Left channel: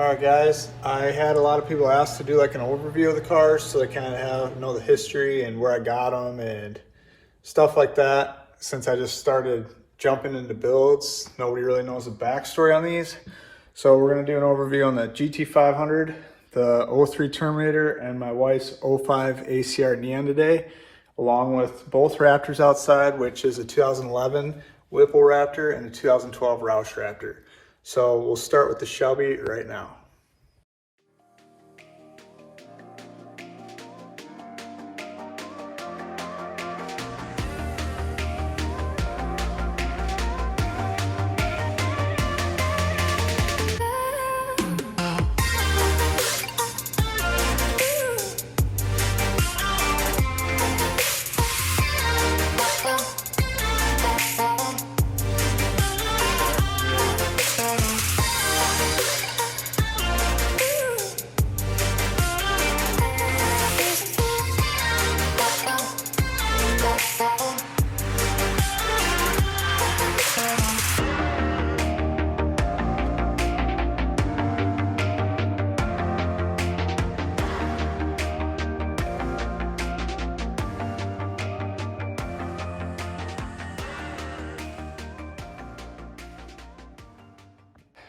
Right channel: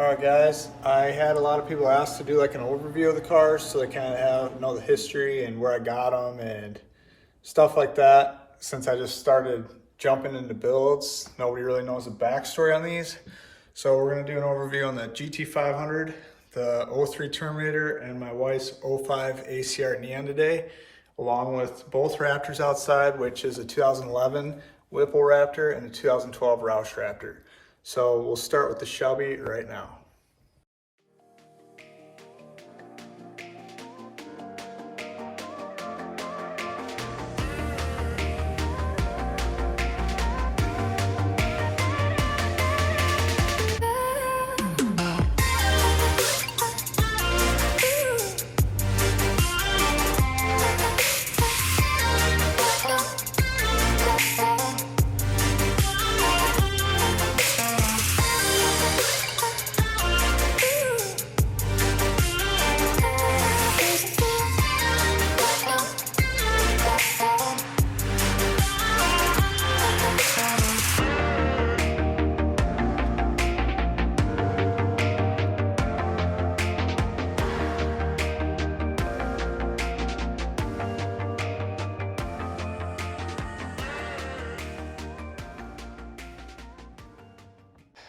Alright guys, I had a lot of people ask to do like an overview of the cars so they kind of know the history and where I got them and stuff like that. Since I just started jumping into builds, nobody really knows the backstory on these. So we're going to do an overview on the GT500, the 03 Terminator, and my wife's 05 ACR Neon today, along with both Raptors outside, which is a 2011 Whipple Raptor and a 2012 Roush Raptor. So we'll start with the Shelby right now.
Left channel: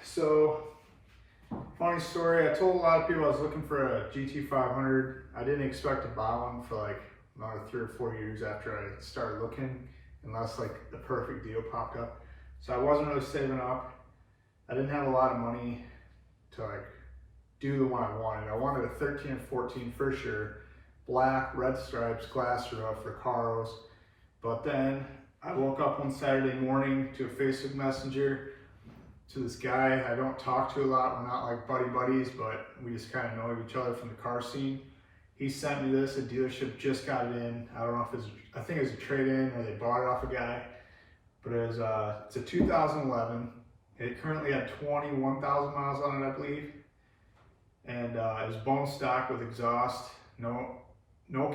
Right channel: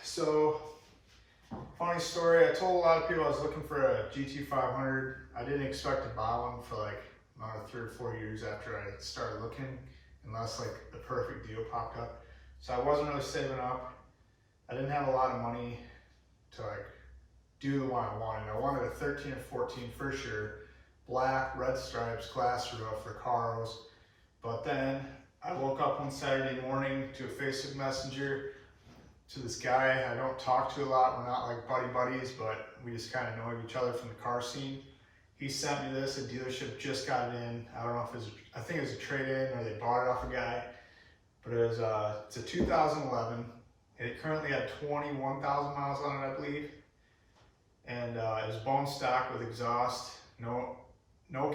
So, funny story, I told a lot of people I was looking for a GT500. I didn't expect to buy one for like another 3 or 4 years after I started looking, unless like the perfect deal popped up. So I wasn't really saving up. I didn't have a lot of money to like do the one I wanted. I wanted a 13 or 14 for sure, black, red stripes, glass roof, Recaros. But then I woke up one Saturday morning to a Facebook Messenger to this guy I don't talk to a lot. We're not like buddies, but we just kind of know each other from the car scene. He sent me this. A dealership just got it in. I don't know if it's, I think it was a trade-in or they bought it off a guy. But it was it's a 2011. It currently had 21,000 miles on it, I believe. And it was bone stock with exhaust, no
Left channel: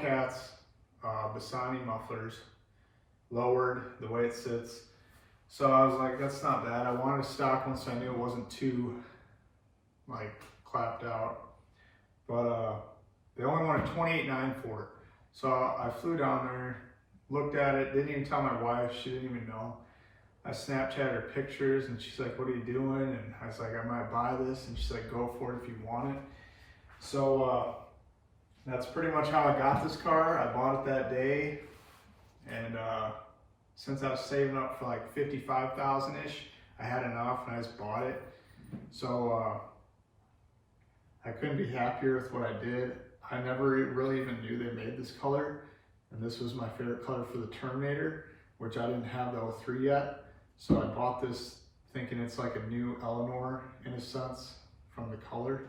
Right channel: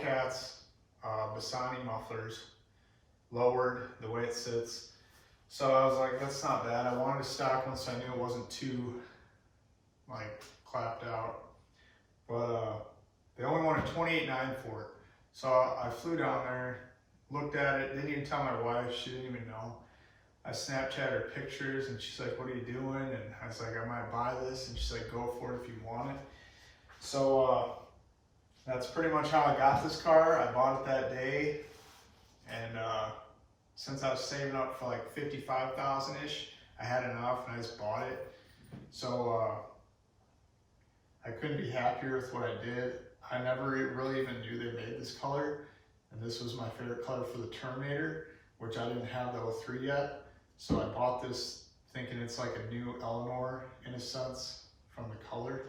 cats, Bassani mufflers, lowered the way it sits. So I was like, that's not bad. I wanted a stock one so I knew it wasn't too like clapped out. But they only wanted $28,900 for it. So I flew down there, looked at it, didn't even tell my wife, she didn't even know. I Snapchatted her pictures and she's like, what are you doing? And I was like, I might buy this. And she's like, go for it if you want it. So that's pretty much how I got this car. I bought it that day. And since I was saving up for like 55,000-ish, I had enough and I just bought it. So I couldn't be happier with what I did. I never really even knew they made this color. And this was my favorite color for the Terminator, which I didn't have the 03 yet. So I bought this thinking it's like a new Eleanor in a sense from the color.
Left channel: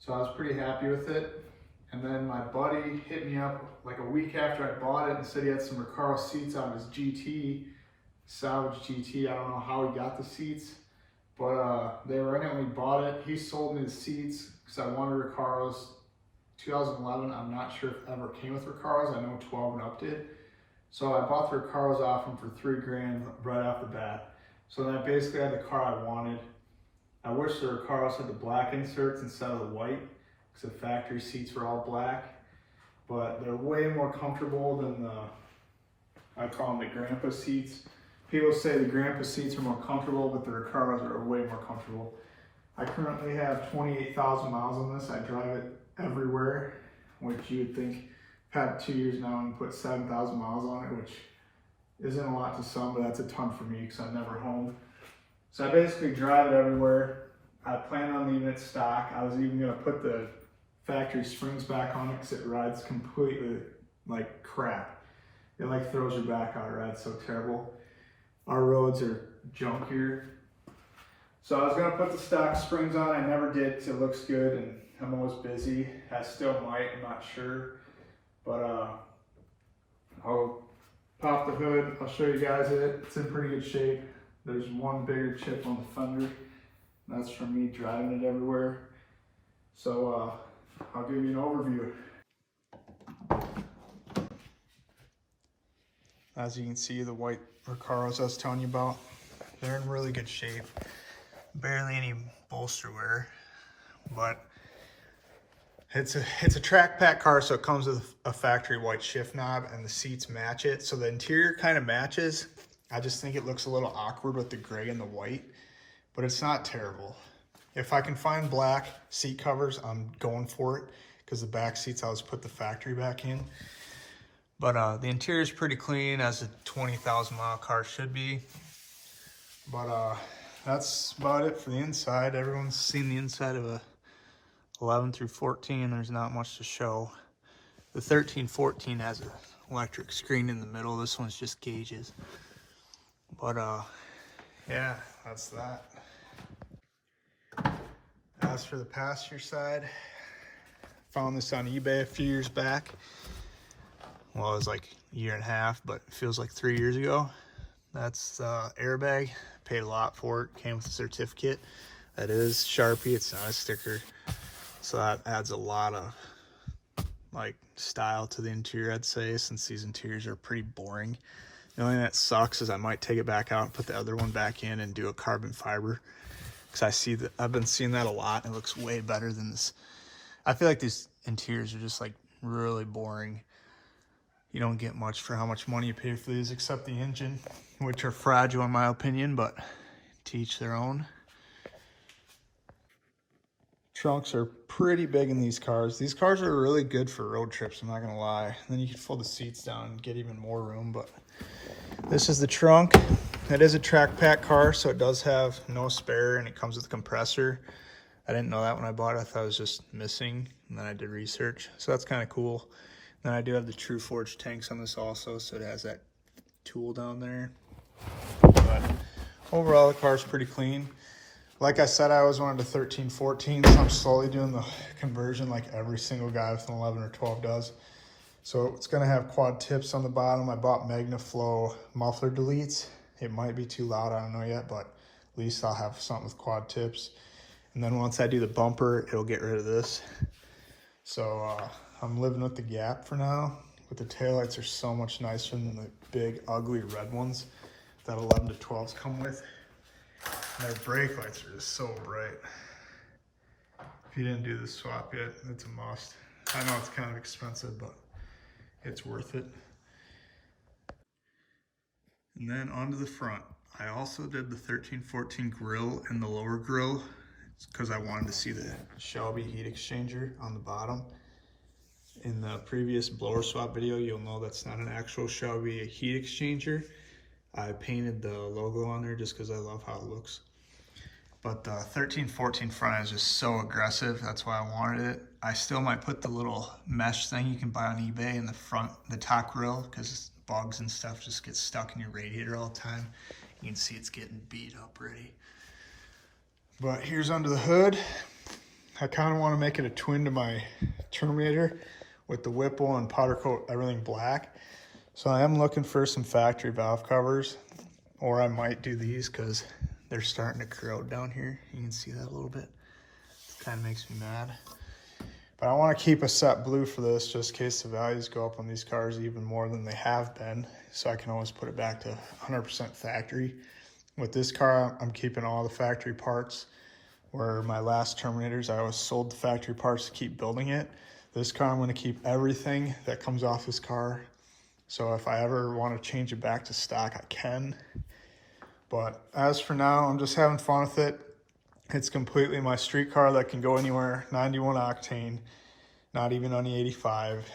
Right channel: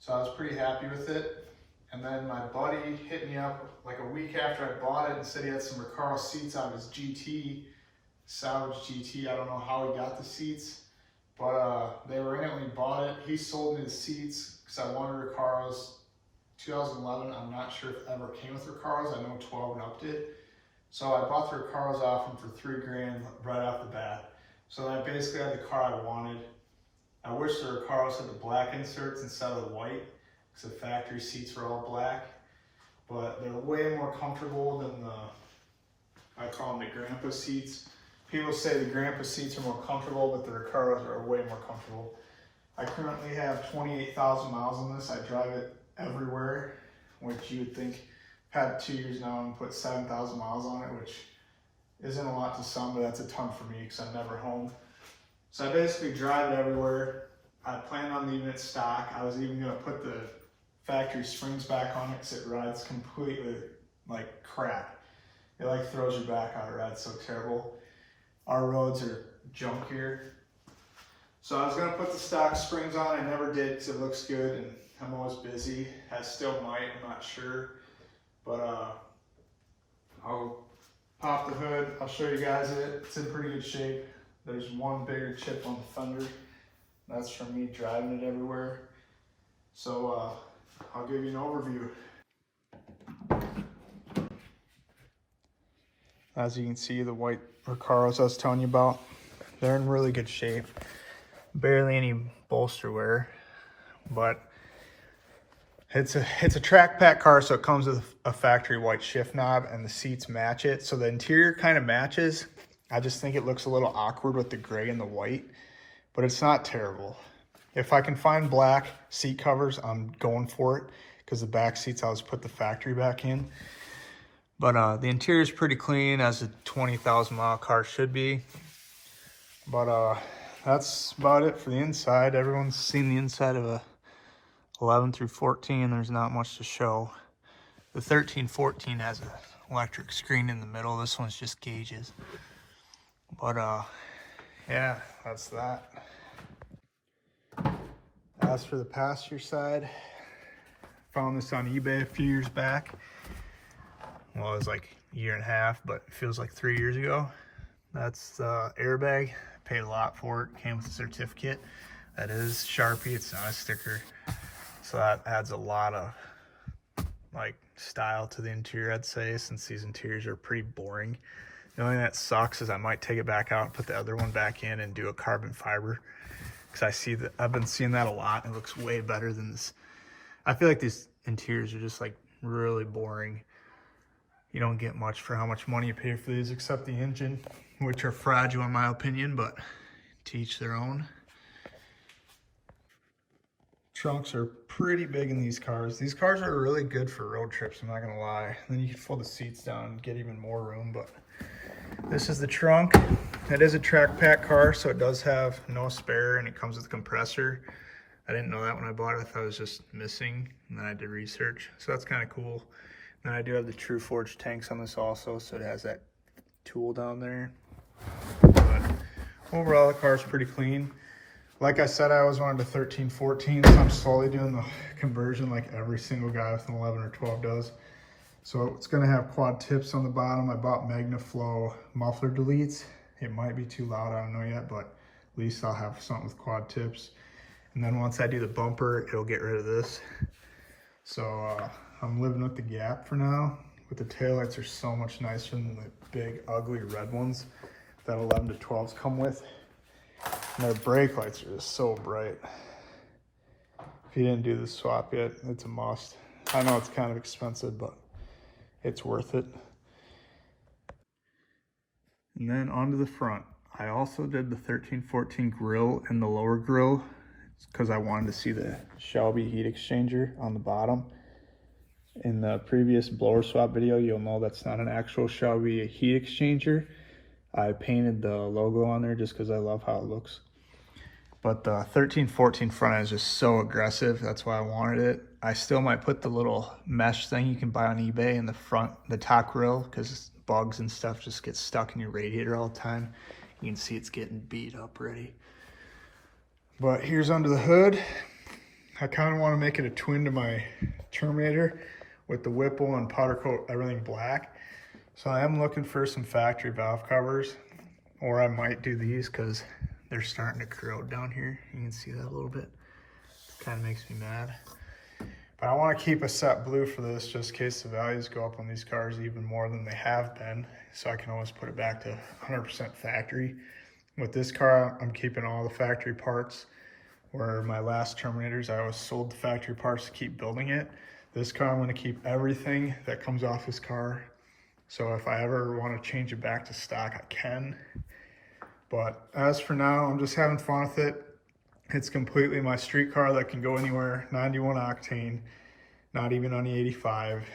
So I was pretty happy with it. And then my buddy hit me up like a week after I bought it and said he had some Recaro seats on his GT, salvage GT. I don't know how he got the seats, but they were in it when he bought it. He sold me the seats because I wanted Recaros. 2011, I'm not sure if it ever came with Recaros. I know 12 and up did. So I bought the Recaros off him for $3,000 right off the bat. So then I basically had the car I wanted. I wish the Recaros had the black inserts instead of the white, because the factory seats were all black, but they're way more comfortable than the, I call them the grandpa seats. People say the grandpa seats are more comfortable, but the Recaros are way more comfortable. I currently have 28,000 miles on this. I drive it everywhere, which you would think, I've had 2 years now and put 7,000 miles on it, which isn't a lot to some, but that's a ton for me because I'm never home. So I basically drive it everywhere. I plan on leaving it stock. I was even gonna put the factory springs back on it because it rides completely like crap. It like throws your back out. It rides so terrible. Our roads are junkier. So I was gonna put the stock springs on. I never did because it looks good and I'm always busy. I still might, I'm not sure. But I'll pop the hood. I'll show you guys it. It's in pretty good shape. There's one bigger chip on the fender. That's from me driving it everywhere. So I'll give you an overview. As you can see, the white Recaros I was telling you about, they're in really good shape. Barely any bolster wear, but it's a track pack car, so it comes with a factory white shift knob, and the seats match it. So the interior kind of matches. I just think it looks a little awkward with the gray and the white, but it's not terrible. If I can find black seat covers, I'm going for it, because the back seats, I'll just put the factory back in. But the interior is pretty clean, as a 20,000 mile car should be. But that's about it for the inside. Everyone's seen the inside of a 11 through 14. There's not much to show. The 13-14 has an electric screen in the middle. This one's just gauges. But yeah, that's that. As for the passenger side, found this on eBay a few years back. Well, it was like a year and a half, but it feels like 3 years ago. That's airbag. Paid a lot for it. Came with a certificate. That is Sharpie. It's not a sticker. So that adds a lot of like style to the interior, I'd say, since these interiors are pretty boring. The only thing that sucks is I might take it back out and put the other one back in and do a carbon fiber. Because I see that I've been seeing that a lot. It looks way better than this. I feel like these interiors are just like really boring. You don't get much for how much money you pay for these, except the engine, which are fragile in my opinion, but to each their own. Trunks are pretty big in these cars. These cars are really good for road trips, I'm not gonna lie. Then you can fold the seats down and get even more room, but this is the trunk. It is a track pack car, so it does have no spare, and it comes with a compressor. I didn't know that when I bought it. I thought it was just missing, and then I did research. So that's kind of cool. Then I do have the True Forge tanks on this also, so it has that tool down there. But overall, the car's pretty clean. Like I said, I always wanted a 13-14, so I'm slowly doing the conversion like every single guy with an 11 or 12 does. So it's gonna have quad tips on the bottom. I bought MagnaFlow muffler deletes. It might be too loud, I don't know yet, but at least I'll have something with quad tips. And then once I do the bumper, it'll get rid of this. So I'm living with the gap for now. With the taillights are so much nicer than the big ugly red ones that 11 to 12s come with. And their brake lights are just so bright. If you didn't do the swap yet, it's a must. I know it's kind of expensive, but it's worth it. And then onto the front. I also did the 13-14 grill and the lower grill because I wanted to see the Shelby heat exchanger on the bottom. In the previous blower swap video, you'll know that's not an actual Shelby heat exchanger. I painted the logo on there just because I love how it looks. But the 13-14 front end is just so aggressive. That's why I wanted it. I still might put the little mesh thing you can buy on eBay in the front, the top grill, because bugs and stuff just get stuck in your radiator all the time. You can see it's getting beat up already. But here's under the hood. I kind of want to make it a twin to my Terminator with the Whipple and powder coat everything black. So I am looking for some factory valve covers, or I might do these because they're starting to corrode down here. You can see that a little bit. It kind of makes me mad. But I want to keep a set blue for this just in case the values go up on these cars even more than they have been. So I can always put it back to 100% factory. With this car, I'm keeping all the factory parts. Where my last Terminators, I always sold the factory parts to keep building it. This car, I'm going to keep everything that comes off this car. So if I ever want to change it back to stock, I can. But as for now, I'm just having fun with it. It's completely my street car that can go anywhere. 91 octane, not even on the 85.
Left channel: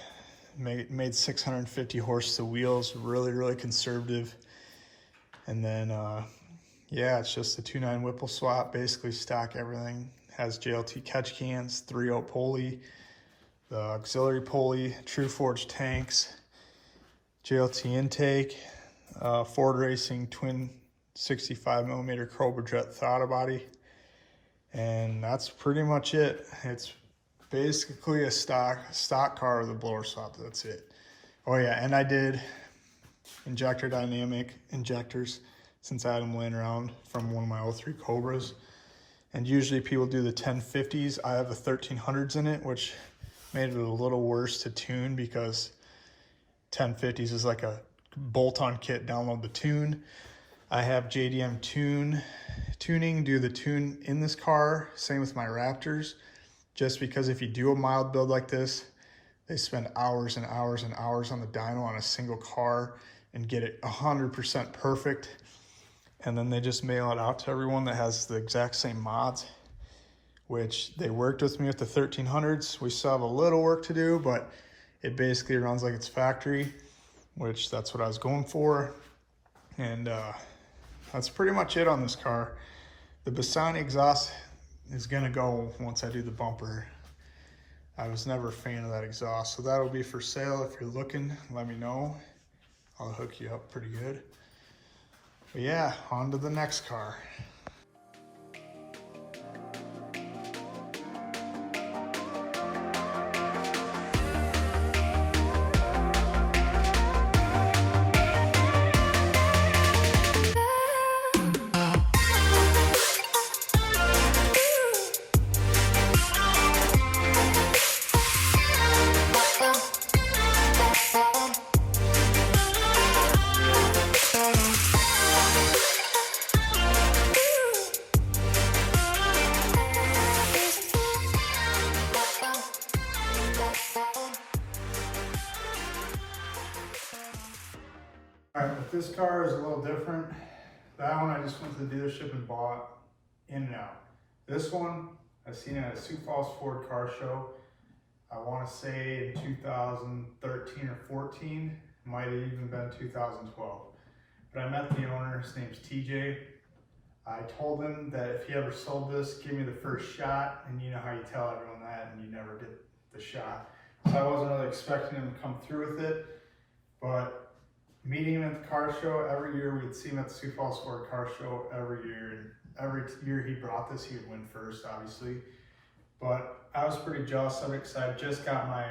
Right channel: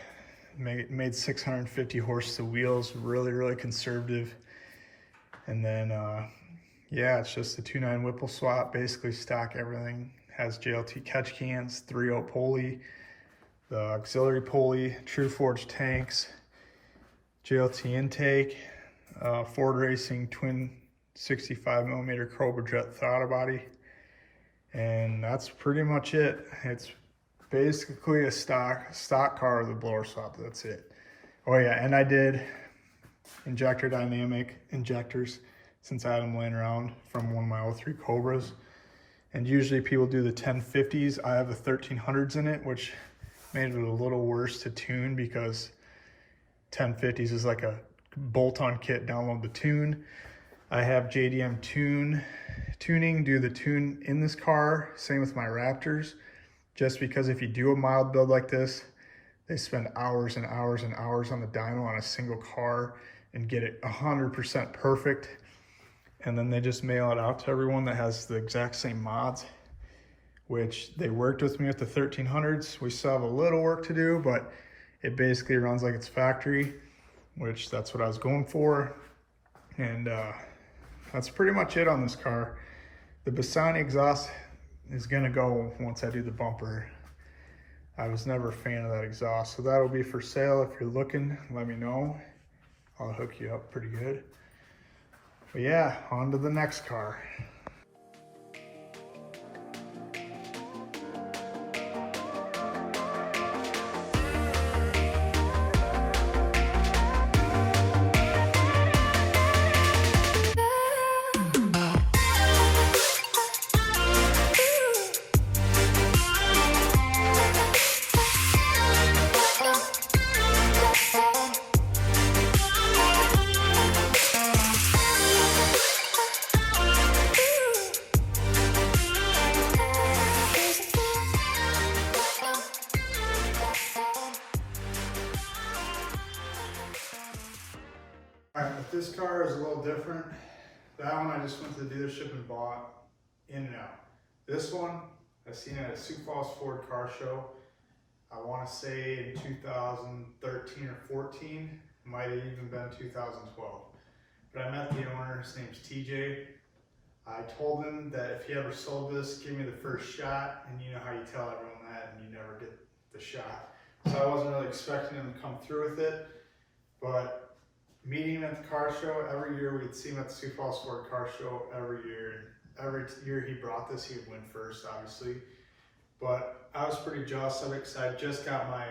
Made 650 horse to wheels, really conservative. And then, yeah, it's just a 2.9 Whipple swap, basically stock everything. Has JLT catch cans, 3.0 pulley, the auxiliary pulley, True Forge tanks, JLT intake, Ford Racing twin 65mm Cobra Jet throttle body. And that's pretty much it. It's basically a stock car with a blower swap, that's it. Oh yeah, and I did injector dynamic injectors since I had them laying around from one of my 03 Cobras. And usually people do the 1050s. I have the 1300s in it, which made it a little worse to tune because 1050s is like a bolt-on kit, download the tune. I have JDM tuning, do the tune in this car. Same with my Raptors. just because if you do a mild build like this, they spend hours and hours and hours on the dyno on a single car and get it 100% perfect. And then they just mail it out to everyone that has the exact same mods, which they worked with me with the 1300s. We still have a little work to do, but it basically runs like it's factory, which that's what I was going for. And that's pretty much it on this car. The Bassani exhaust is gonna go once I do the bumper. I was never a fan of that exhaust, so that'll be for sale. If you're looking, let me know. I'll hook you up pretty good. But yeah, on to the next car. Alright, but this car is a little different. That one I just went to the dealership and bought in and out. This one, I seen it at Sioux Falls Ford car show. I want to say in 2013 or 14, might have even been 2012. But I met the owner, his name's TJ. I told him that if he ever sold this, give me the first shot, and you know how you tell everyone that and you never get the shot. So I wasn't really expecting him to come through with it, but meeting him at the car show, every year we'd see him at the Sioux Falls Ford car show every year, and every year he brought this, he would win first, obviously. But I was pretty jealous of it because I just got my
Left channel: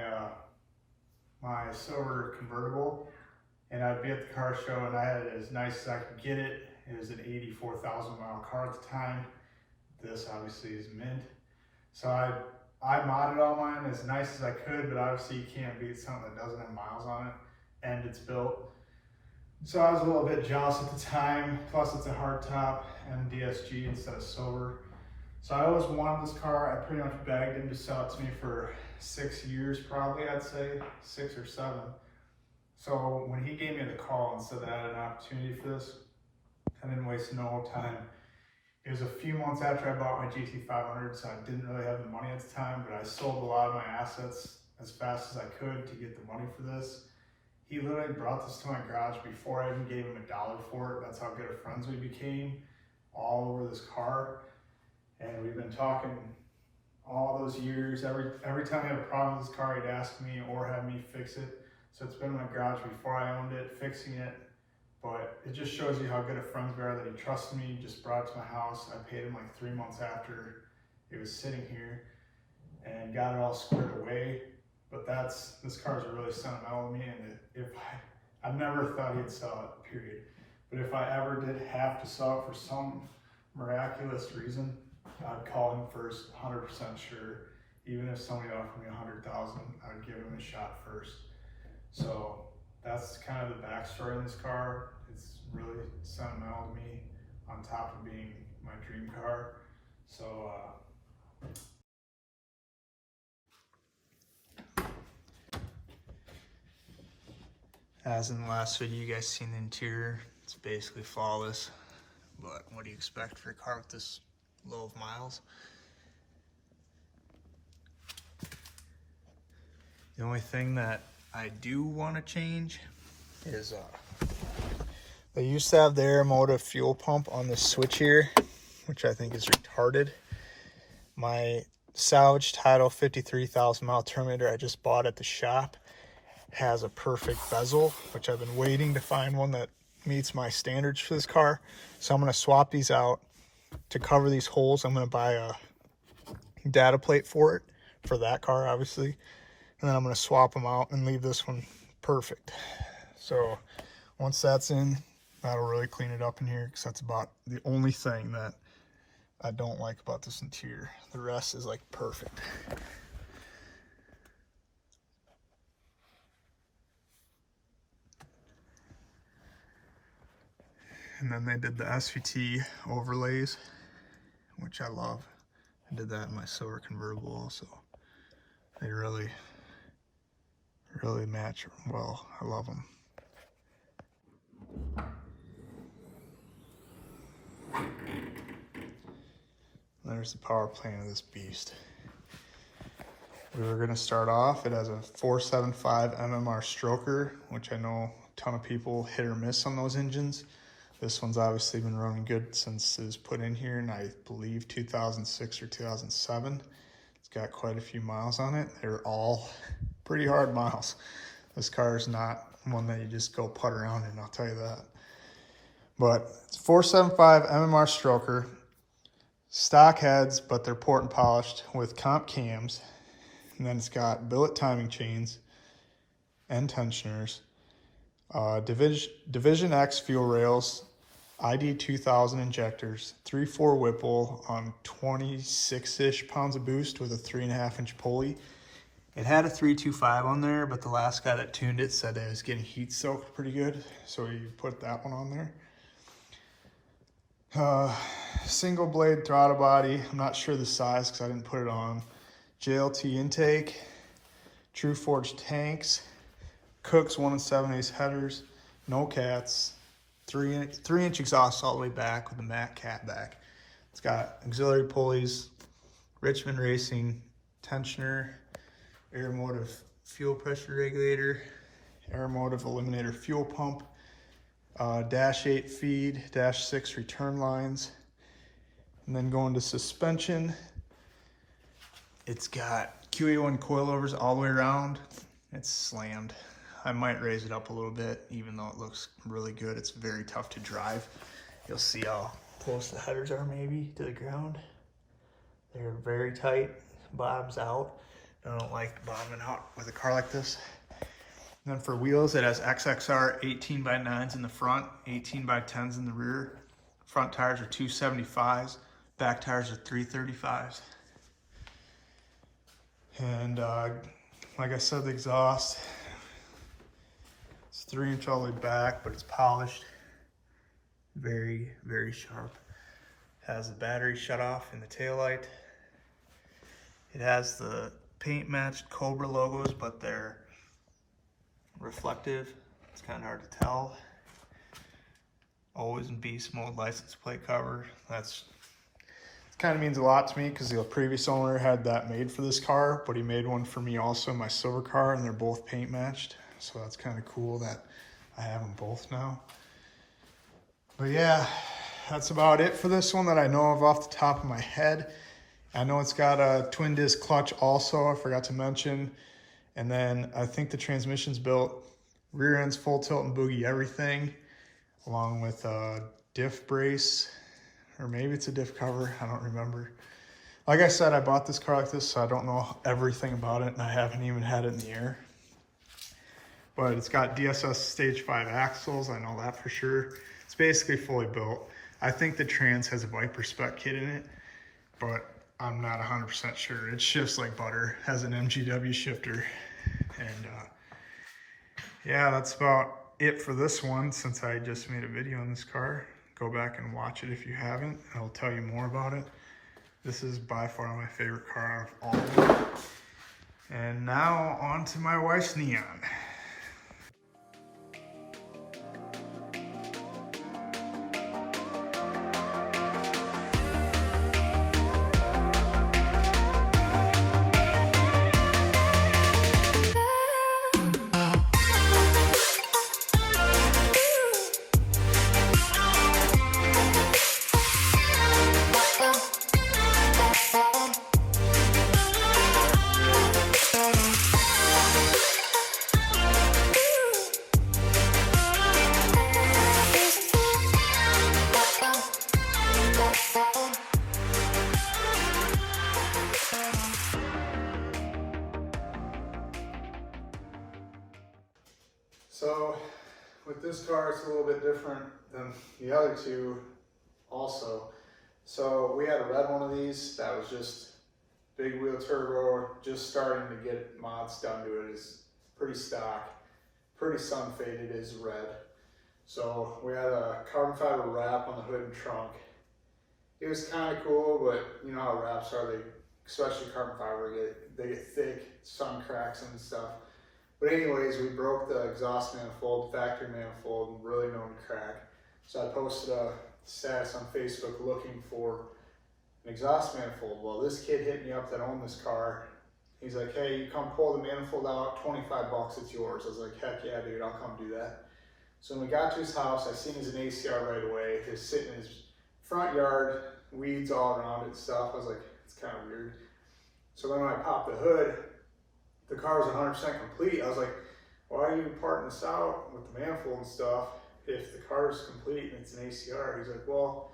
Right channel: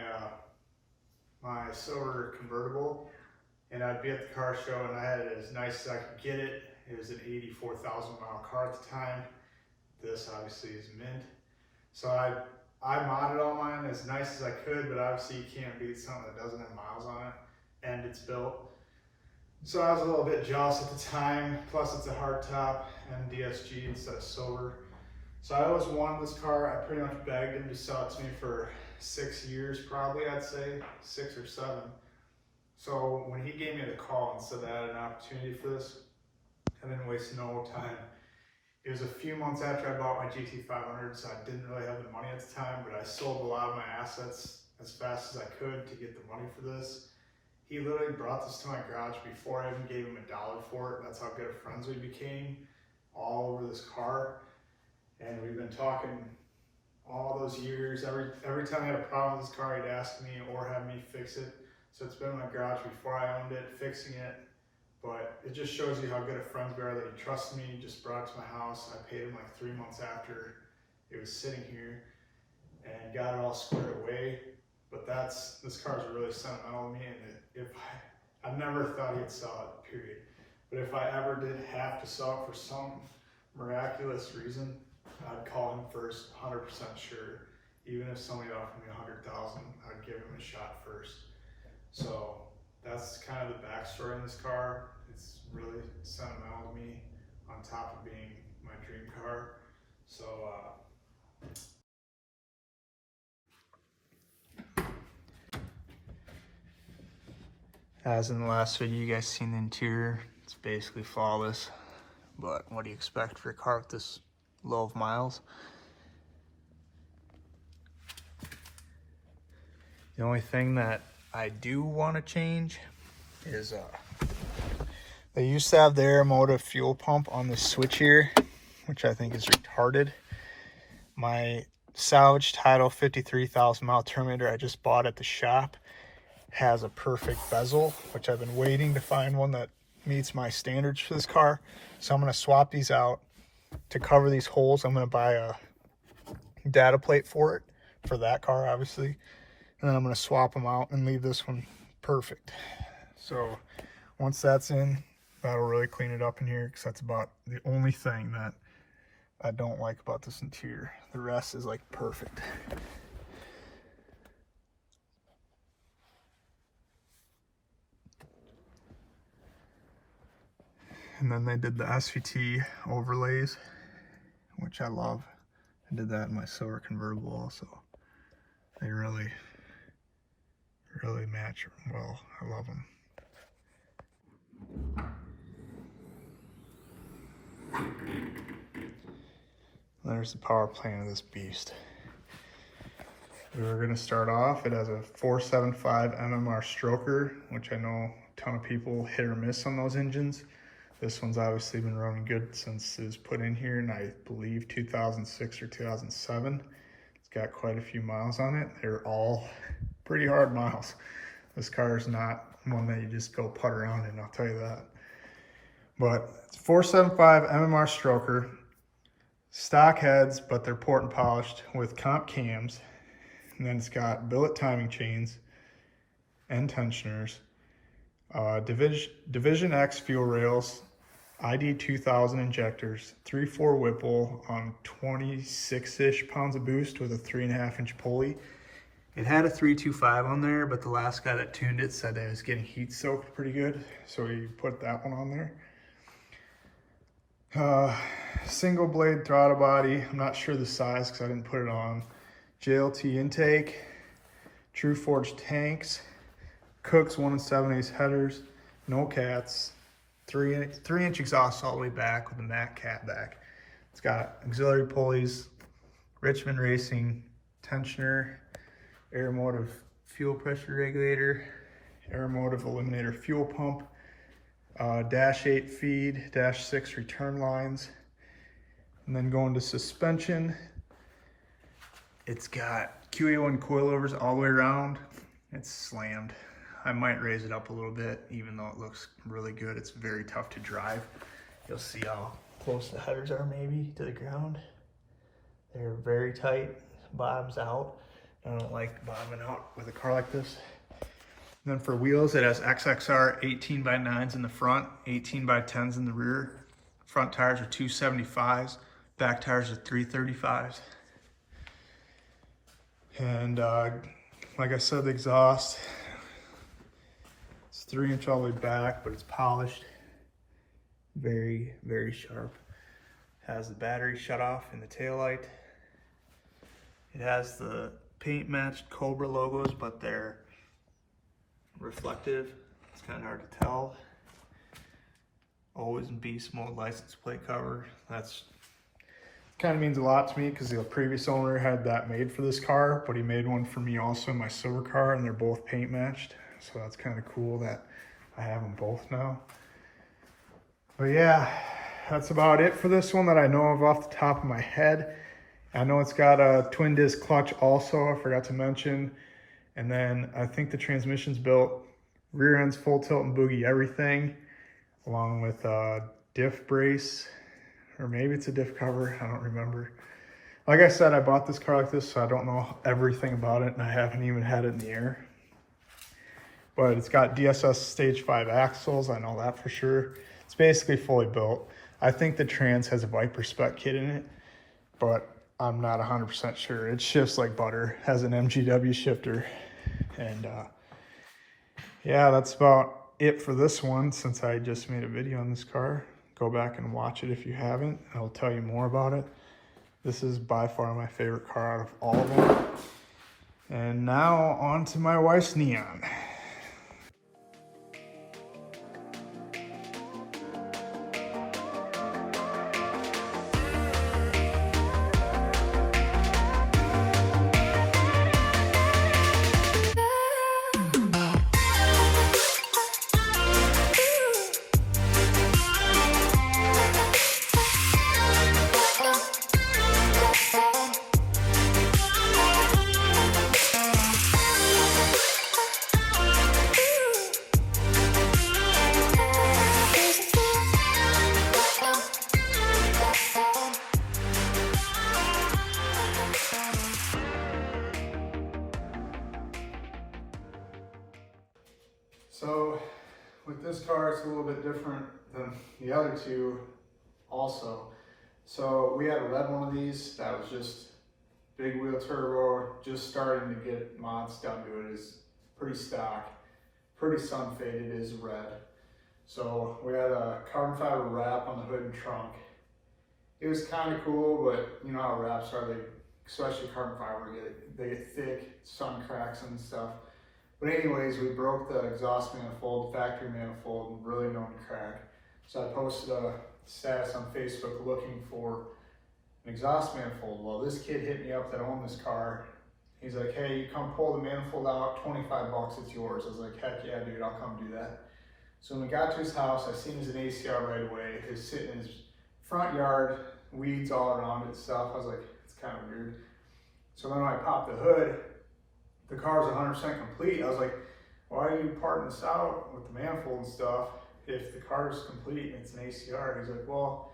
my silver convertible, and I'd be at the car show and I had it as nice as I could get it. It was an 84,000 mile car at the time. This obviously is mint. So I modded all mine as nice as I could, but obviously you can't beat something that doesn't have miles on it and it's built. So I was a little bit jealous at the time, plus it's a hardtop and DSG instead of silver. So I always wanted this car. I pretty much begged him to sell it to me for 6 years probably, I'd say, 6 or 7. So when he gave me the call and said that I had an opportunity for this, I didn't waste no time. It was a few months after I bought my GT500, so I didn't really have the money at the time, but I sold a lot of my assets as fast as I could to get the money for this. He literally brought this to my garage before I even gave him $1 for it. That's how good of friends we became, all over this car. And we've been talking all those years. Every time he had a problem with this car, he'd ask me or have me fix it. So it's been in my garage before I owned it, fixing it. But it just shows you how good of friends we are that he trusted me, just brought it to my house. I paid him like 3 months after it was sitting here and got it all squared away. But this car is really sentimental to me, and I've never thought he'd sell it, period. But if I ever did have to sell it for some miraculous reason, I'd call him first, 100% sure. Even if somebody offered me $100,000, I'd give him a shot first. So that's kind of the backstory in this car. It's really sentimental to me, on top of being my dream car. So as in the last video, you guys seen the interior. It's basically flawless, but what do you expect for a car with this low of miles? The only thing that I do want to change is they used to have the Aeromotive fuel pump on the switch here, which I think is retarded. My salvage title 53,000 mile Terminator I just bought at the shop has a perfect bezel, which I've been waiting to find one that meets my standards for this car. So I'm going to swap these out to cover these holes. I'm going to buy a data plate for it, for that car obviously, and then I'm going to swap them out and leave this one perfect. So once that's in, that'll really clean it up in here, because that's about the only thing that I don't like about this interior. The rest is like perfect. And then they did the SVT overlays, which I love. I did that in my silver convertible also. They really match well. I love them. There's the power plant of this beast. We were gonna start off, it has a 475 mmR stroker, which I know a ton of people hit or miss on those engines. This one's obviously been running good since it was put in here in, I believe, 2006 or 2007. It's got quite a few miles on it. They're all pretty hard miles. This car is not one that you just go putt around in, I'll tell you that. But it's 475 mmR stroker, stock heads, but they're port and polished with comp cams. And then it's got billet timing chains and tensioners, Division X fuel rails, ID 2000 injectors, 3.4 Whipple on 26-ish pounds of boost with a 3.5-inch pulley. It had a 325 on there, but the last guy that tuned it said that it was getting heat soaked pretty good, so we put that one on there. Single blade throttle body. I'm not sure the size because I didn't put it on. JLT intake, True Forge tanks, Cook's 1 7/8 headers, no cats, 3-inch exhaust all the way back with the matte cat back. It's got auxiliary pulleys, Richmond Racing tensioner, Aeromotive fuel pressure regulator, Aeromotive eliminator fuel pump, dash 8 feed, dash 6 return lines. And then going to suspension, it's got QE1 coilovers all the way around. It's slammed. I might raise it up a little bit, even though it looks really good. It's very tough to drive. You'll see how close the headers are maybe to the ground. They're very tight, bottoms out. I don't like bottoming out with a car like this. And then for wheels, it has XXR 18x9s in the front, 18x10s in the rear. Front tires are 275s, back tires are 335s. And like I said, the exhaust, it's 3-inch all the way back, but it's polished. Very, very sharp. Has the battery shut off in the taillight. It has the paint matched Cobra logos, but they're reflective. It's kind of hard to tell. Always in beast mode license plate cover. That's kind of means a lot to me because the previous owner had that made for this car, but he made one for me also in my silver car, and they're both paint matched. So that's kind of cool that I have them both now. But yeah, that's about it for this one that I know of off the top of my head. I know it's got a twin disc clutch also, I forgot to mention. And then I think the transmission's built, rear end's full tilt and boogie everything, along with a diff brace, or maybe it's a diff cover, I don't remember. Like I said, I bought this car like this, so I don't know everything about it, and I haven't even had it in the air. But it's got DSS Stage 5 axles, I know that for sure. It's basically fully built. I think the trans has a Viper spec kit in it, but I'm not 100% sure. It shifts like butter, has an MGW shifter. And yeah, that's about it for this one, since I just made a video on this car. Go back and watch it if you haven't. I'll tell you more about it. This is by far my favorite car out of all of them. And now on to my wife's Neon. So with this car, it's a little bit different than the other two also. So we had a red one of these that was just big wheel turbo, just starting to get mods done to it. Is pretty stock, pretty sun faded, is red. So we had a carbon fiber wrap on the hood and trunk. it was kind of cool, but you know how wraps are, especially carbon fiber, they get thick, sun cracks and stuff. But anyways, we broke the exhaust manifold, factory manifold, really known to crack. So I posted a status on Facebook looking for an exhaust manifold. Well, this kid hit me up that owned this car. He's like, hey, you come pull the manifold out, 25 bucks, it's yours. I was like, heck yeah, dude, I'll come do that. So when we got to his house, I seen his ACR right away. He was sitting in his front yard, weeds all around it and stuff. I was like, it's kind of weird. So then when I popped the hood, the car was 100% complete. I was like, why are you parting this out with the manifold and stuff if the car is complete and it's an ACR? He's like, well,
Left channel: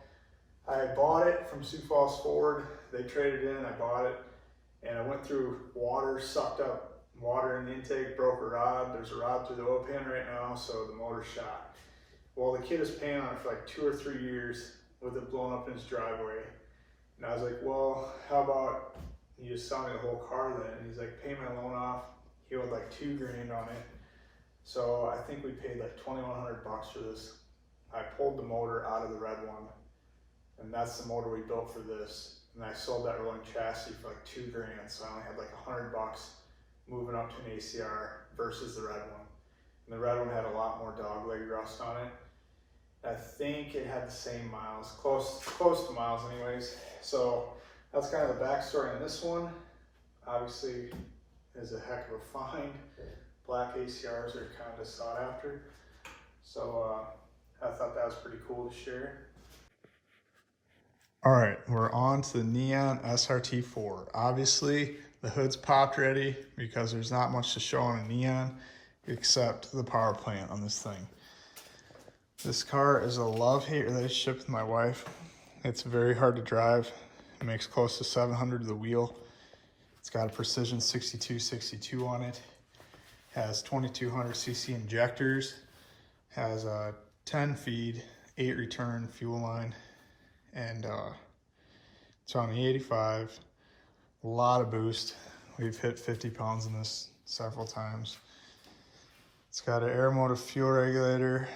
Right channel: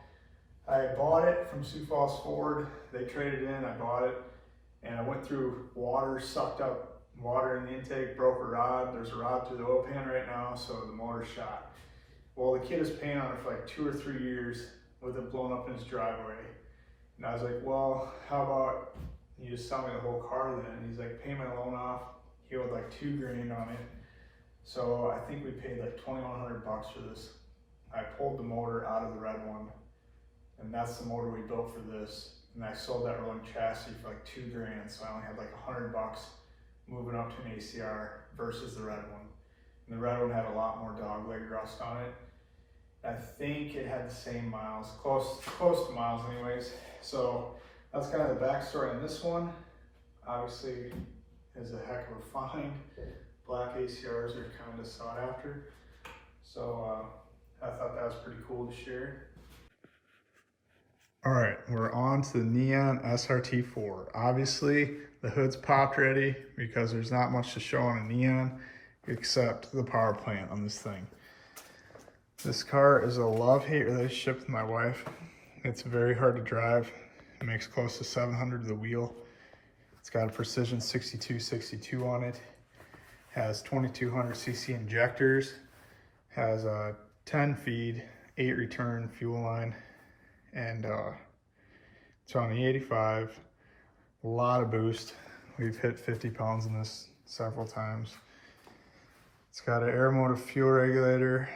I bought it from Sioux Falls Ford. They traded in, I bought it, and I went through water, sucked up water in the intake, broke a rod. There's a rod through the oil pan right now, so the motor shot. Well, the kid is paying on it for like 2 or 3 years with it blown up in his driveway. And I was like, well, how about you just sell me the whole car then? And he's like, pay my loan off. He owed like $2 grand on it. So I think we paid like 2,100 bucks for this. I pulled the motor out of the red one, and that's the motor we built for this. And I sold that rolling chassis for like $2 grand. So I only had like 100 bucks moving up to an ACR versus the red one. And the red one had a lot more dog leg rust on it. I think it had the same miles, close to miles anyways. So that's kind of the backstory on this one. Obviously, is a heck of a find. Black ACRs are kind of sought after. So I thought that was pretty cool to share. All right, we're on to the Neon SRT4. Obviously, the hood's popped ready because there's not much to show on a Neon except the power plant on this thing. This car is a love-hate relationship with my wife. It's very hard to drive. It makes close to 700 to the wheel. It's got a precision 6262 on it. Has 2200 cc injectors. Has a 10 feed, 8 return fuel line. And it's on the 85. A lot of boost. We've hit 50 pounds in this several times. It's got an air motive fuel regulator,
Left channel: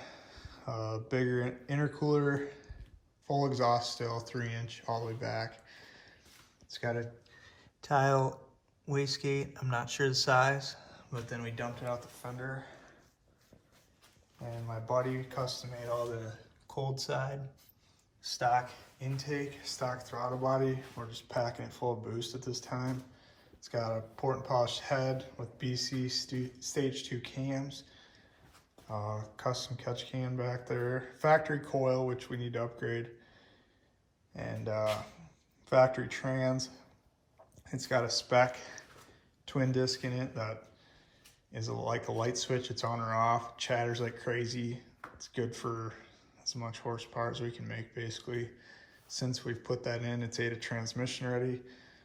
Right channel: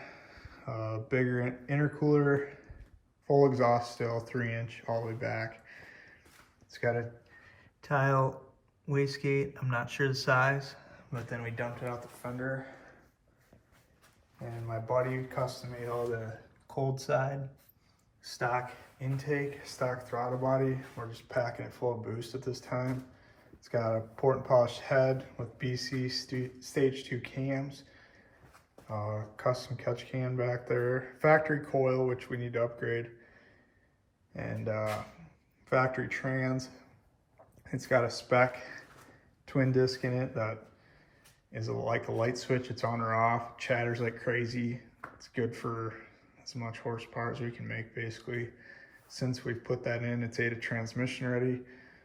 bigger intercooler, full exhaust still, 3-inch all the way back. It's got a tile wastegate, I'm not sure the size, but then we dumped it out the fender. And my buddy custom made all the cold side, stock intake, stock throttle body. We're just packing it full of boost at this time. It's got a port and polished head with BC stage 2 cams. Custom catch can back there. Factory coil, which we need to upgrade. And factory trans. It's got a spec twin disc in it that is like a light switch. It's on or off, chatters like crazy. It's good for as much horsepower as we can make basically. Since we've put that in, it's ADA transmission ready.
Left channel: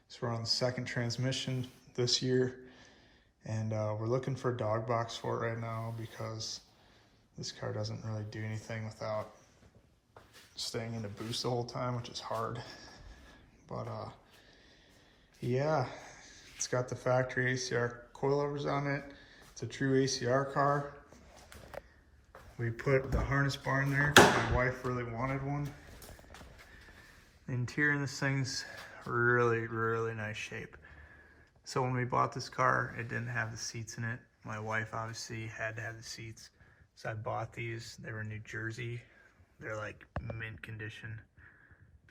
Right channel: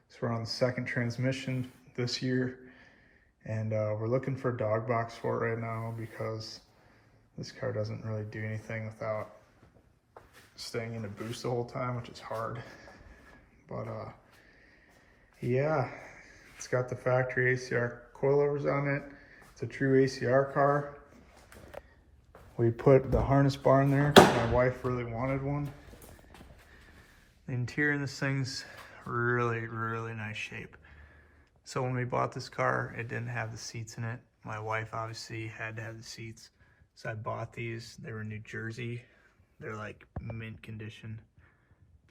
So we're on the 2nd transmission this year. And we're looking for a dog box for it right now because this car doesn't really do anything without staying in a boost the whole time, which is hard. But yeah, it's got the factory ACR coilovers on it. It's a true ACR car. We put the harness bar in there because my wife really wanted one. The interior in this thing's really, really nice shape. So when we bought this car, it didn't have the seats in it. My wife obviously had to have the seats. So I bought these. They were in New Jersey. They're like mint condition.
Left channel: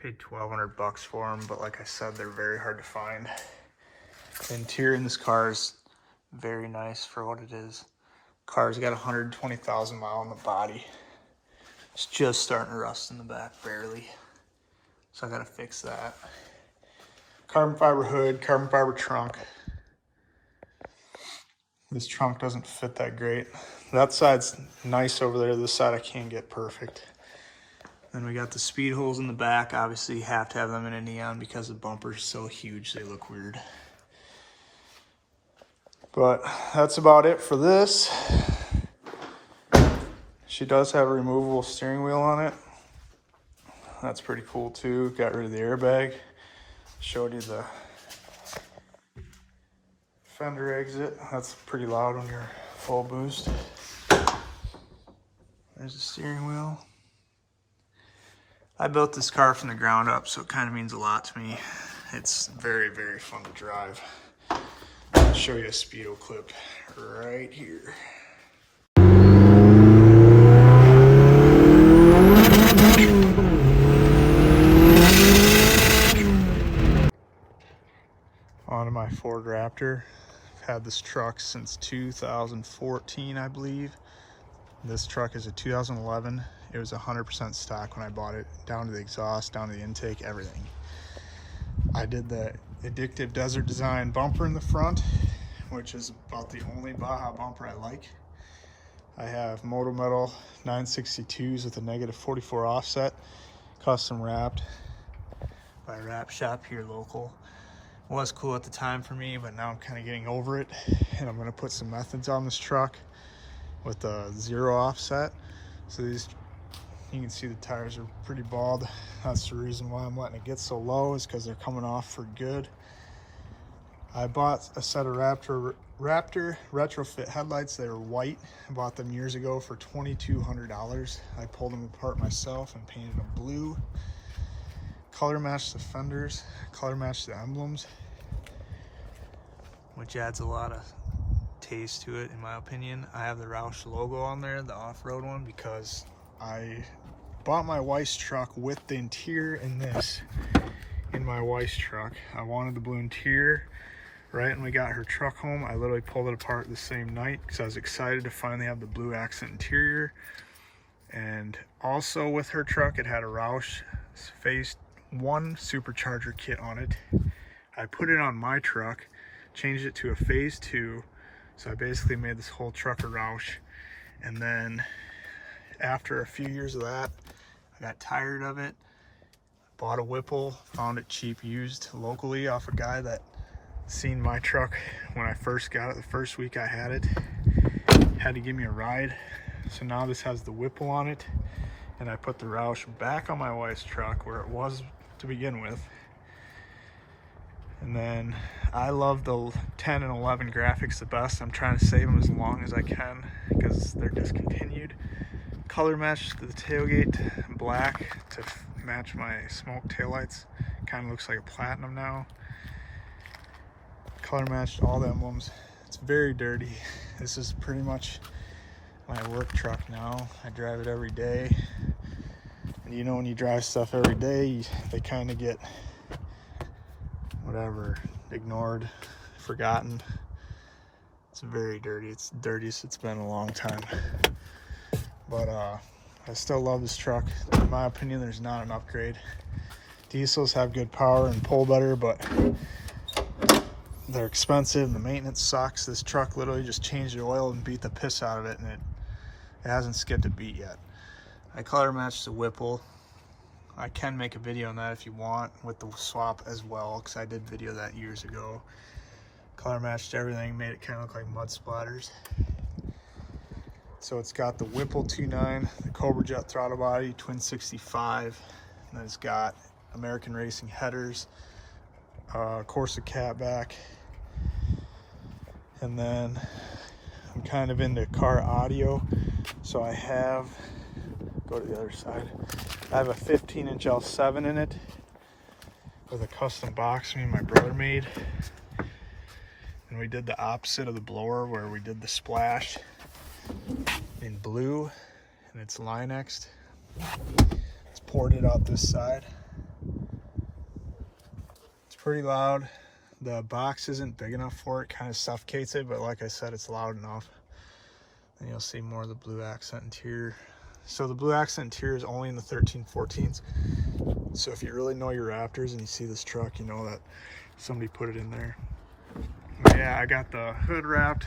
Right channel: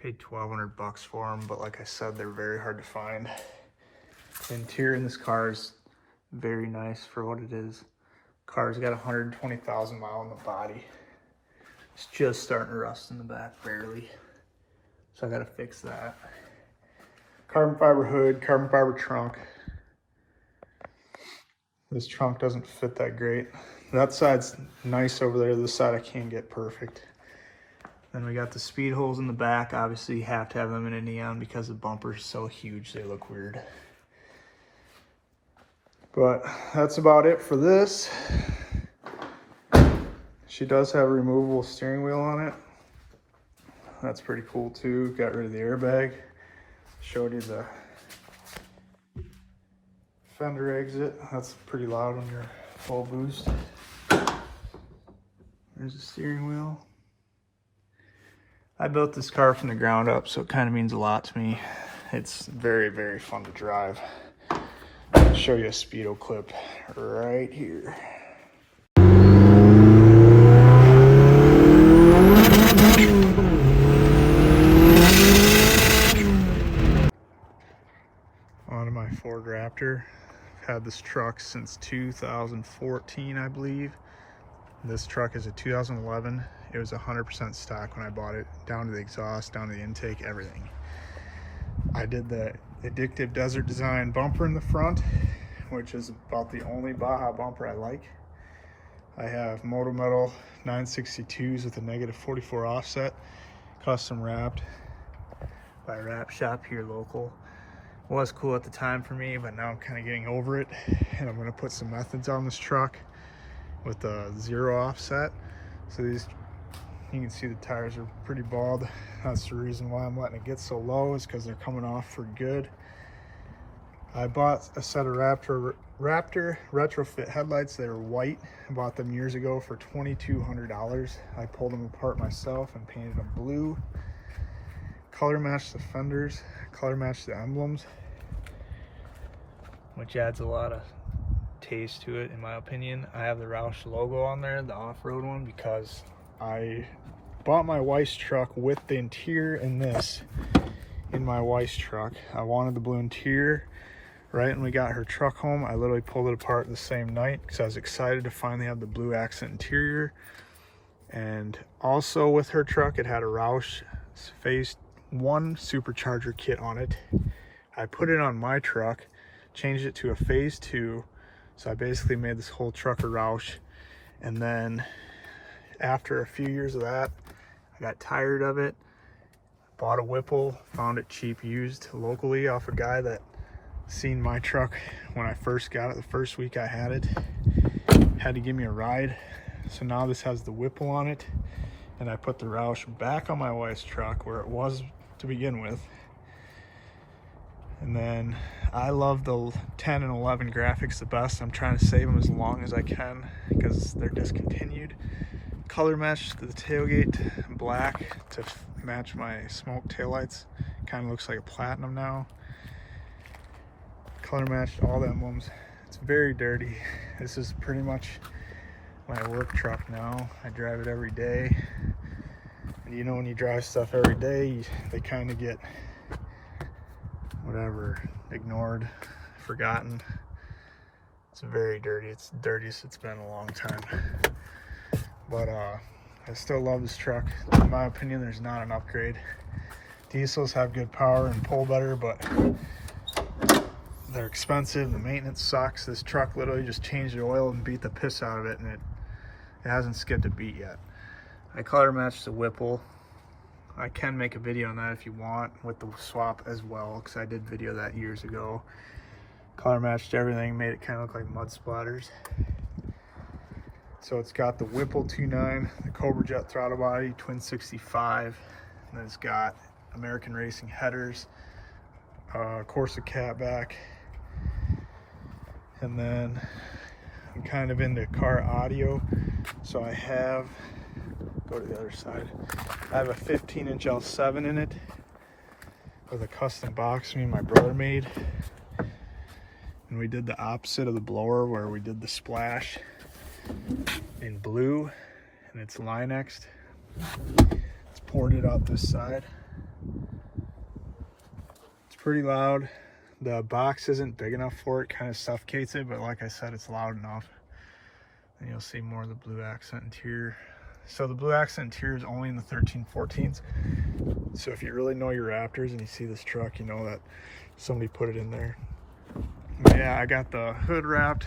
Paid 1,200 bucks for them, but like I said, they're very hard to find. The interior in this car is very nice for what it is. Car's got 120,000 miles on the body. It's just starting to rust in the back, barely. So I gotta fix that. Carbon fiber hood, carbon fiber trunk. This trunk doesn't fit that great. That side's nice over there. This side I can't get perfect. Then we got the speed holes in the back. Obviously you have to have them in a Neon because the bumper's so huge they look weird. But that's about it for this. She does have a removable steering wheel on it. That's pretty cool too. Got rid of the airbag. Showed you the fender exit. That's pretty loud when you're full boost. There's the steering wheel. I built this car from the ground up, so it kind of means a lot to me. It's very, very fun to drive. I'll show you a speedo clip right here. Onto my Ford Raptor. I've had this truck since 2014, I believe. This truck is a 2011. It was 100% stock when I bought it, down to the exhaust, down to the intake, everything. I did the Addictive Desert Design bumper in the front, which is about the only Baja bumper I like. I have Moto Metal 962s with a -44 offset, custom wrapped by a wrap shop here local. Was cool at the time for me, but now I'm kind of getting over it, and I'm going to put some methods on this truck with a 0 offset. So these, you can see the tires are pretty bald. That's the reason why I'm letting it get so low, is because they're coming off for good. I bought a set of Raptor retrofit headlights. They were white. I bought them years ago for $2,200. I pulled them apart myself and painted them blue. Color matched the fenders, color matched the emblems, which adds a lot of taste to it in my opinion. I have the Roush logo on there, the off-road one, because I bought my wife's truck with the interior in this in my wife's truck. I wanted the blue interior. Right when we got her truck home, I literally pulled it apart the same night because I was excited to finally have the blue accent interior. And also with her truck, it had a Roush Phase 1 supercharger kit on it. I put it on my truck, changed it to a Phase 2, so I basically made this whole truck a Roush. And then after a few years of that, I got tired of it, bought a Whipple, found it cheap used locally off a guy that seen my truck when I first got it. The first week I had it, had to give me a ride. So now this has the Whipple on it, and I put the Roush back on my wife's truck where it was to begin with. And then I love the 10 and 11 graphics the best. I'm trying to save them as long as I can because they're discontinued. Color matched the tailgate black to match my smoke taillights. Kind of looks like a platinum now. Color matched all the emblems. It's very dirty. This is pretty much my work truck now. I drive it every day. And you know, when you drive stuff every day, they kind of get whatever, ignored, forgotten. It's very dirty. It's the dirtiest it's been in a long time. But I still love this truck. In my opinion, there's not an upgrade. Diesels have good power and pull better, but they're expensive. The maintenance sucks. This truck literally just changed the oil and beat the piss out of it, and it hasn't skipped a beat yet. I color matched the Whipple. I can make a video on that if you want with the swap as well, because I did video that years ago. Color matched everything, made it kind of look like mud splatters. So it's got the Whipple 2.9, the Cobra Jet throttle body, twin 65, and it's got American Racing headers, Corsa catback, and then I'm kind of into car audio, so I have, go to the other side, I have a 15-inch L7 in it with a custom box me and my brother made, and we did the opposite of the blower where we did the splash in blue, and it's Linexed. It's ported out this side. It's pretty loud. The box isn't big enough for it, kind of suffocates it, but like I said, it's loud enough. And you'll see more of the blue accent interior. So the blue accent interior is only in the 13/14s. So if you really know your Raptors and you see this truck, you know that somebody put it in there. But yeah, I got the hood wrapped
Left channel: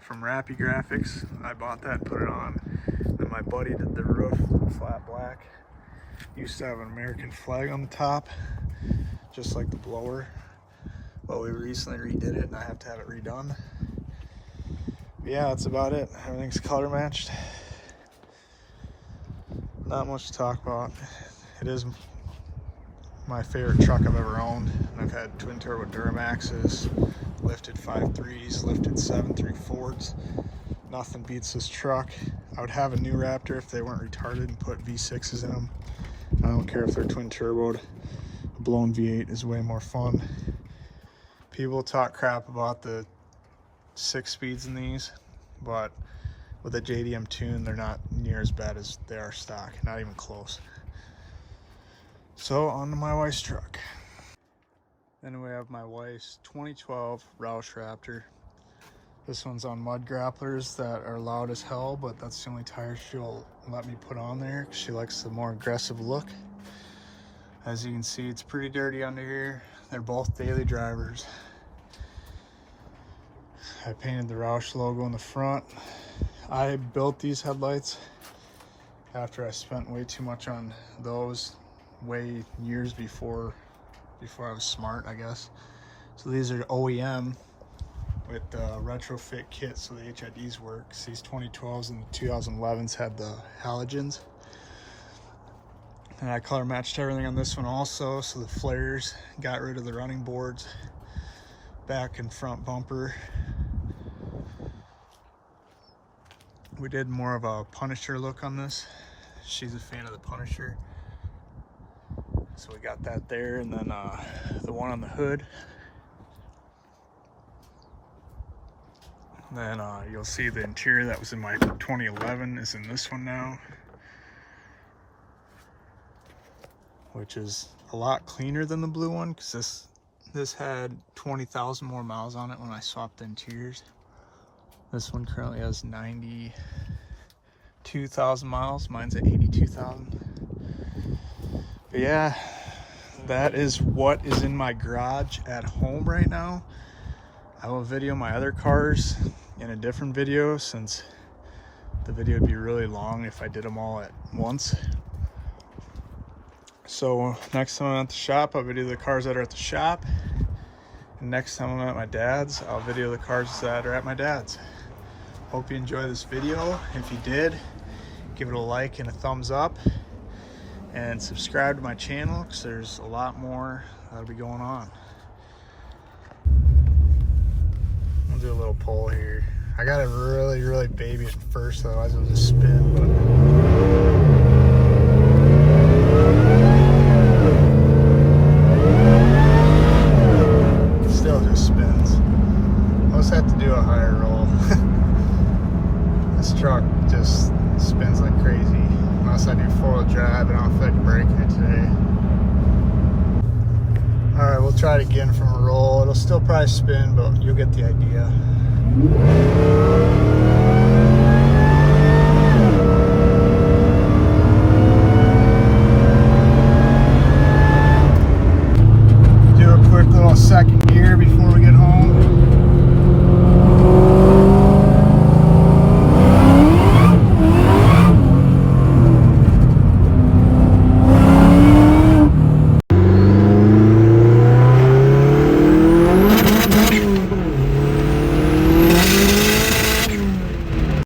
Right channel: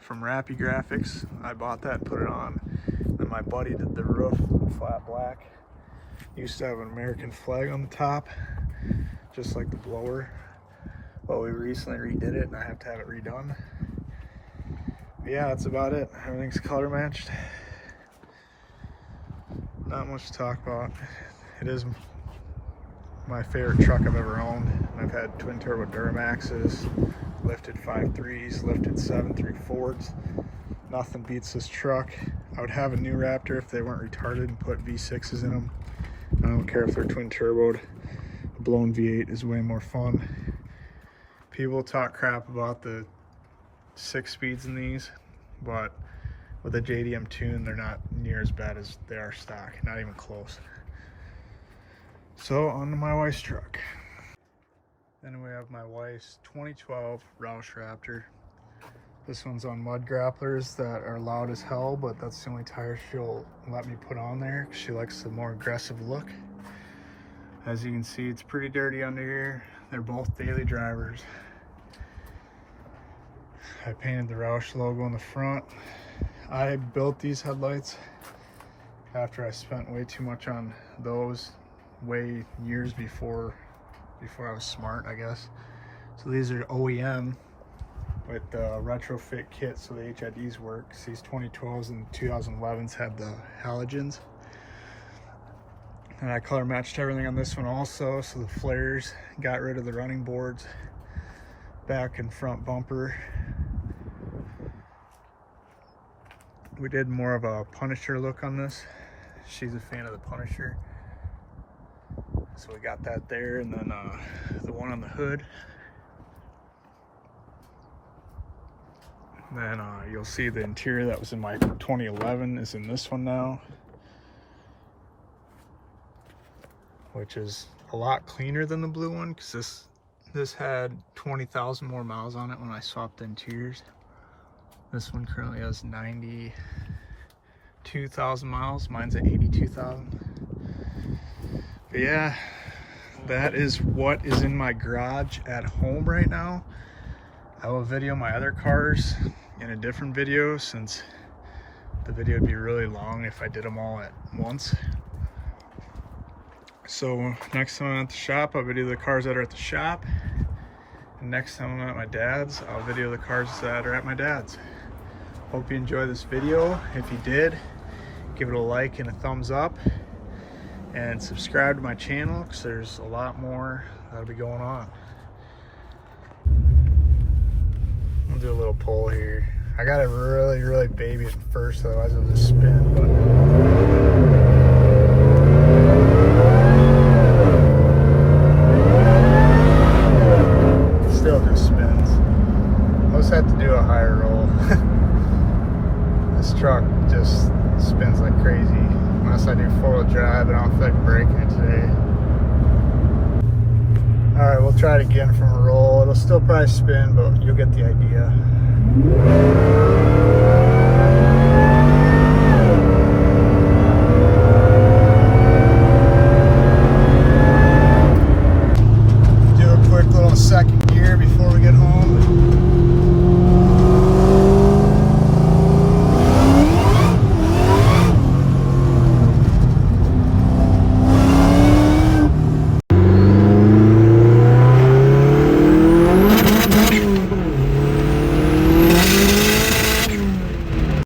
from Rappy Graphics. I bought that and put it on. Then my buddy did the roof flat black. Used to have an American flag on the top, just like the blower. But we recently redid it and I have to have it redone. But yeah, that's about it. Everything's color matched. Not much to talk about. It is my favorite truck I've ever owned. I've had twin turbo Duramaxes, lifted 5.3s, lifted 7.3 Fords. Nothing beats this truck. I would have a new Raptor if they weren't retarded and put V6s in them. I don't care if they're twin turboed. A blown V8 is way more fun. People talk crap about the 6 speeds in these, but with a JDM tune, they're not near as bad as they are stock, not even close. So on to my wife's truck. Then we have my wife's 2012 Roush Raptor. This one's on mud grapplers that are loud as hell, but that's the only tire she'll let me put on there because she likes the more aggressive look. As you can see, it's pretty dirty under here. They're both daily drivers. I painted the Roush logo in the front. I built these headlights after I spent way too much on those years before I was smart, I guess. So these are OEM with the retrofit kit, so the HIDs work. These 2012s and 2011s had the halogens. And I color matched everything on this one also, so the flares, got rid of the running boards, back and front bumper. We did more of a Punisher look on this. She's a fan of the Punisher. So we got that there, and then the one on the hood. Then you'll see the interior that was in my 2011 is in this one now, which is a lot cleaner than the blue one because this had 20,000 more miles on it when I swapped the interiors. This one currently has 92,000 miles. Mine's at 82,000. But yeah, that is what is in my garage at home right now. I will video my other cars in a different video since the video would be really long if I did them all at once. So next time I'm at the shop, I'll video the cars that are at the shop. And next time I'm at my dad's, I'll video the cars that are at my dad's. Hope you enjoyed this video. If you did, give it a like and a thumbs up. And subscribe to my channel because there's a lot more that'll be going on. I'll do a little pull here. I gotta really baby it first, otherwise it'll just spin. But still just spins. I'll just have to do a higher roll. This truck just spins like crazy. Unless I do 4-wheel drive, and I don't feel like breaking it today. Alright, we'll try it again from a roll. It'll still probably spin, but you'll get the idea.